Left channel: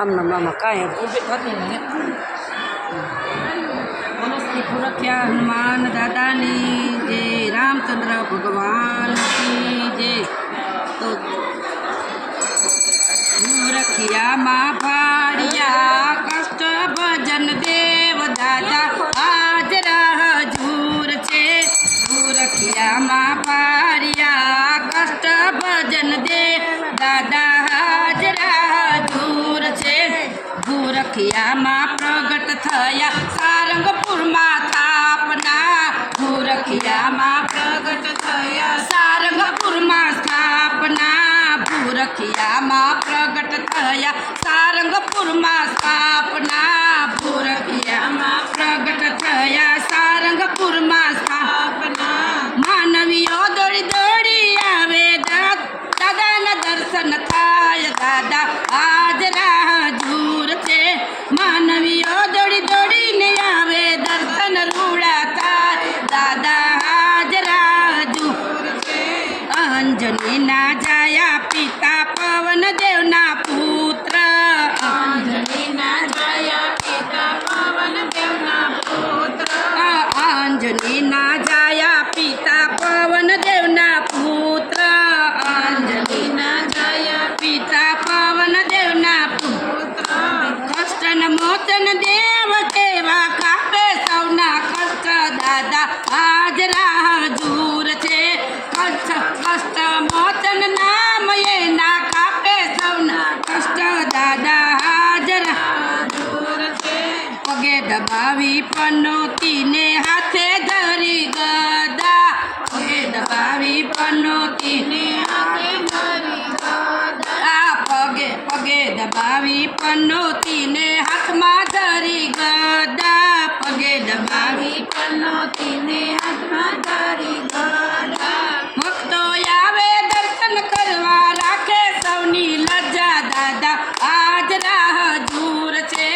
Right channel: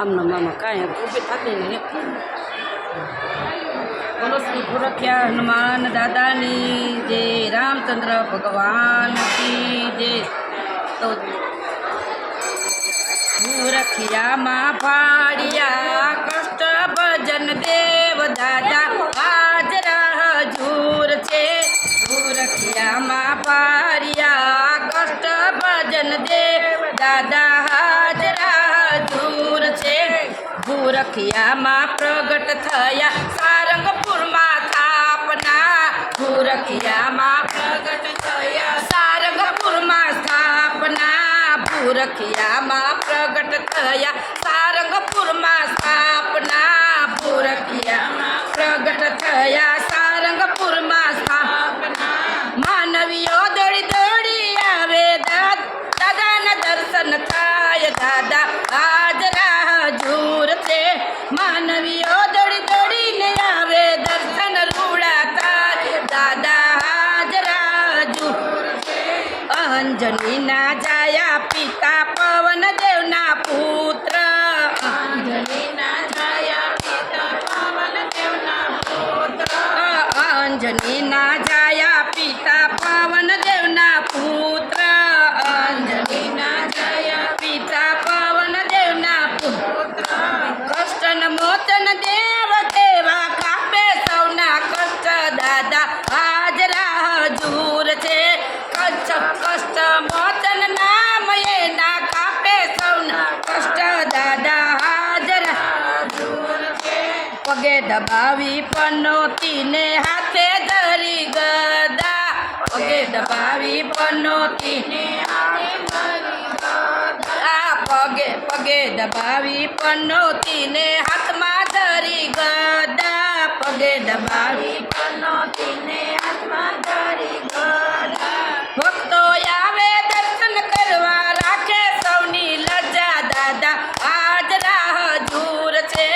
આમના મામા કાંઈ ઊભી થતી નહીં. બોલો શ્રી ભૂરખિયા હનુમાન દાદાની જય, રામચંદ્ર ભગવાન કી જય. તો ભૂરખિયામાં ભાડિયા કષ્ટ ભજન દેવ દાદા હાજરા હજૂર છે. ભૂરખિયામાં ભાડિયા કષ્ટ ભજન દેવ દાદા હાજરા હજૂર છે. ભૂરખિયામાં પ્રગટ થયા સારંગપુરમાં સ્થાપના. ભૂરખિયામાં પ્રગટ થયા સારંગપુરમાં સ્થાપના. ભૂરખિયામાં પ્રગટ થયા સારંગપુરમાં સ્થાપના. ભૂરખિયામાં પ્રગટ થયા સારંગપુરમાં સ્થાપના. માનવીઓ દોડી દોડી આવે દાદાના દર્શન થાય. દાદા હાજરા હજૂર છે. માનવીઓ દોડી દોડીને આવે દર્શન રૂડા થાય. દાદા હાજરા હજૂર છે. અંજનીના જાયા પિતા પવન દેવના પુત્ર. અંજનીના જાયા પિતા પવન દેવના પુત્ર. અંજનીના જાયા પિતા પવન દેવના પુત્ર. અંજનીના જાયા પિતા પવન દેવના પુત્ર. કષ્ટન મોચન દેવ કેવા કાપે સૌના કષ્ટ. દાદા હાજરા હજૂર છે. કષ્ટ મોચન નામ એના કાપે સૌના કષ્ટ. દાદા હાજરા હજૂર છે. પગે દબાવી પનોતીને હાથે ધરી ગદા. પગે દબાવી પનોતીને હાથે ધરી ગદા. પગે દબાવી પનોતીને હાથમાં ધરી ગદા. પગે દબાવી પનોતીને હાથમાં ધરી ગદા. ભક્તો આવે દર્શન કરવા રાખે સૌની લજ્જા. દાદા હાજરા હજૂર છે.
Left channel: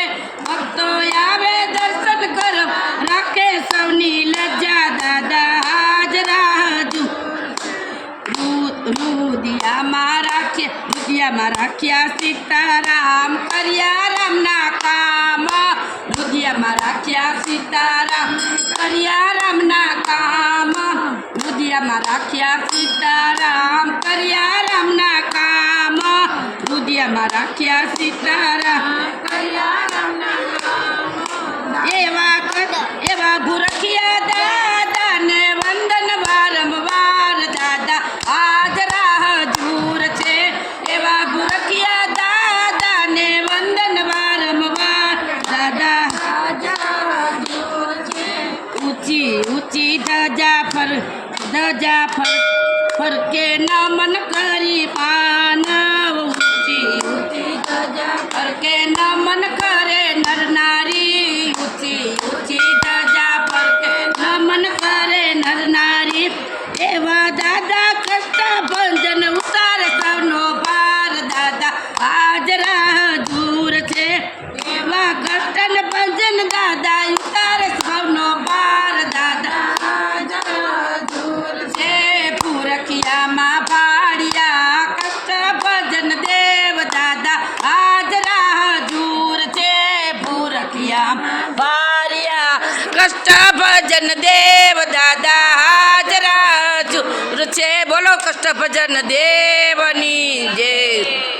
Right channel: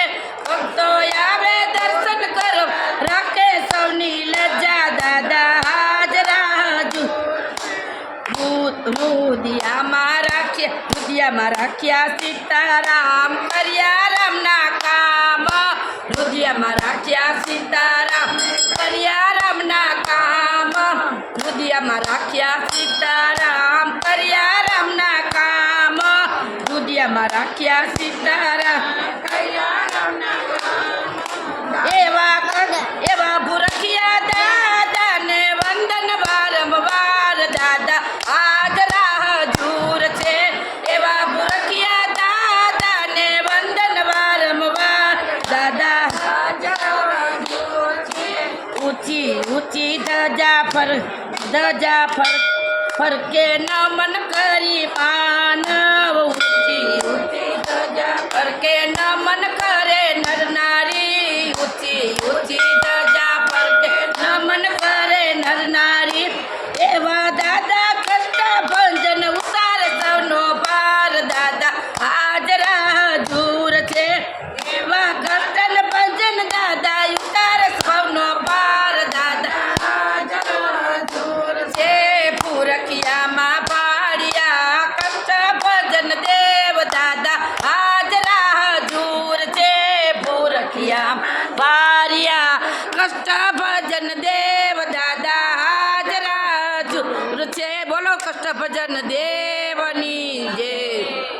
ભક્તો આવે દર્શન કરવા રાખે સૌની લજ્જા. દાદા હાજરા હજૂર. રુદિયામાં રાખ્યા સીતારામ કર્યા રામના કામ. રુદિયામાં રાખ્યા સીતારામ કર્યા રામના કામ. રુદિયામાં રાખ્યા સીતારામ કર્યા રામના કામ. રુદિયામાં રાખ્યા સીતારામ કર્યા રામના કામ. એવા ભૂરખિયા દાદાને વંદન વારંવાર. દાદા હાજરા હજૂર છે. એવા ભૂરખિયા દાદાને વંદન વારંવાર. દાદા હાજરા હજૂર છે. ઊંચી ઊંચી ધજા ફરકે નમન કરી માનવ. ઊંચી ઊંચી ધજા ફરકે નમન કરે નર નારી. ઊંચી ઊંચી ધજા ફરકે નમન કરે નર નારી. એવા દાદા કષ્ટ ભંજન ઉતારે સૌનો ભાર. દાદા હાજરા હજૂર છે. એવા કષ્ટ ભંજન દાદા ઉતારે સૌનો ભાર. દાદા હાજરા હજૂર છે. ભૂરખિયામાં ભાડિયા કષ્ટ ભજન દેવ દાદા હાજરા હજૂર છે. ભૂરખિયામાં ભાડિયા કષ્ટ ભજન દેવ દાદા હાજરા હજૂર છે. બોલો કષ્ટ ભજન દેવની જય.